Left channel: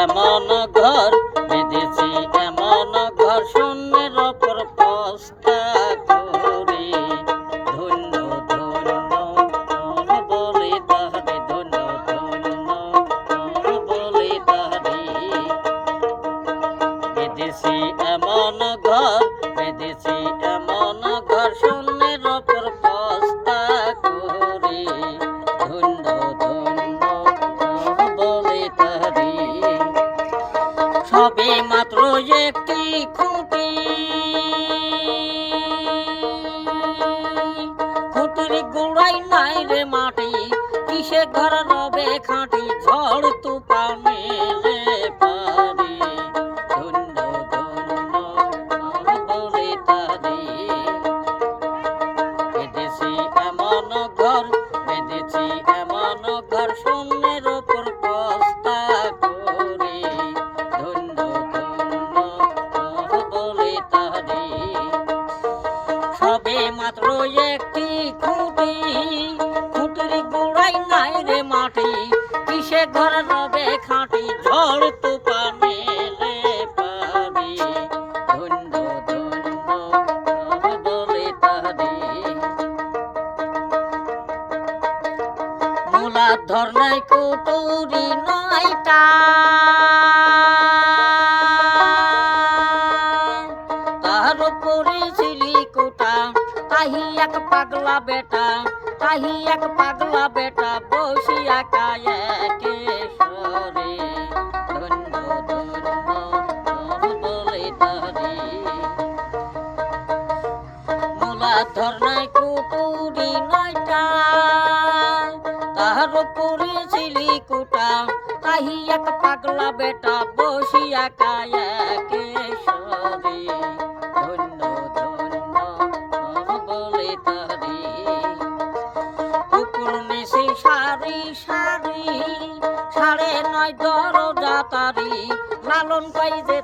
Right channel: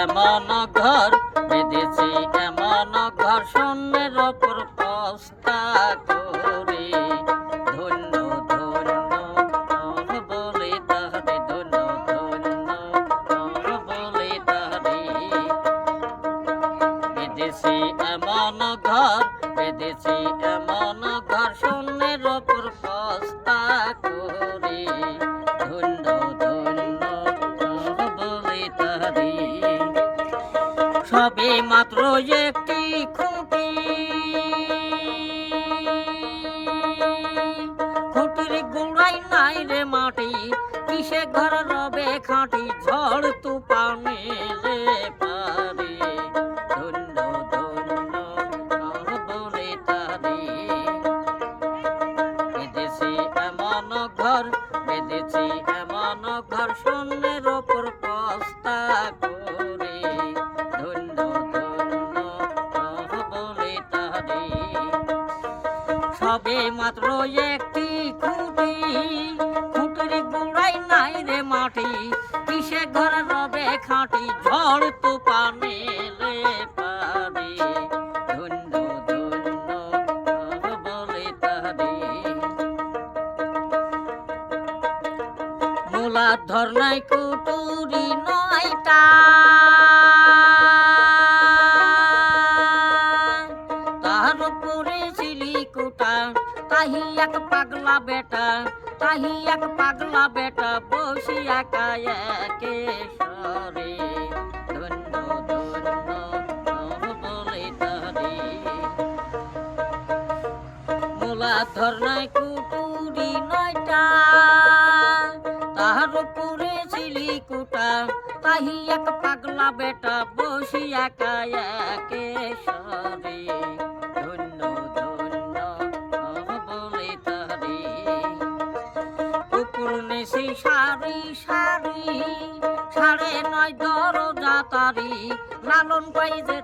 এমন ঘর বেঁধেছি এমন ঘর শূন্যের ওপর পস্তা করে ধন্য ধন্য বলে তাহারে ধন্য ধন্য বলে তাহারে বেঁধেছি এমন ঘর বেঁধেছি এমন ঘর শূন্যের ওপর পস্তা করে ধন্য ধন্য বলে তাহারে সবে মাত্র একটি খুঁটি খুঁটির গোড়াই নাই রে মাটি কিসে ঘর রবে খাঁটি ঝড় তুফানে রে পারে ধন্য ধন্য বলে তারে বেঁধেছি এমন ঘর বেঁধেছি এমন ঘর শূন্যের ওপর পস্তা করে ধন্য ধন্য বলে তারে সবে মাত্র একটি খুঁটি খুঁটির গোড়াই নাই রে মাটি কিসে ঘর রবে খাঁটি ঝড় তুফানে রে পারে ধন্য ধন্য বলে তারে মূলাধর নাই কুটুরি নয়টা তার উপরে সিলিকুটা তাহি এক পাগলা বেটা তাহি এক পাগলা বেটা বসিয়া কায়াকে সরে ধন্য ধন্য বলে তারে মূলাধর নাই কুটুরি নয়টা তাহার উপরে সিলিকুটা তাহি এক পাগলা বেটা বসিয়া কায়াকে সরে ধন্য ধন্য বলে তারে কুকুর নিশি সারি সারি 9:30 দরজা তারি লালন পাই যেতে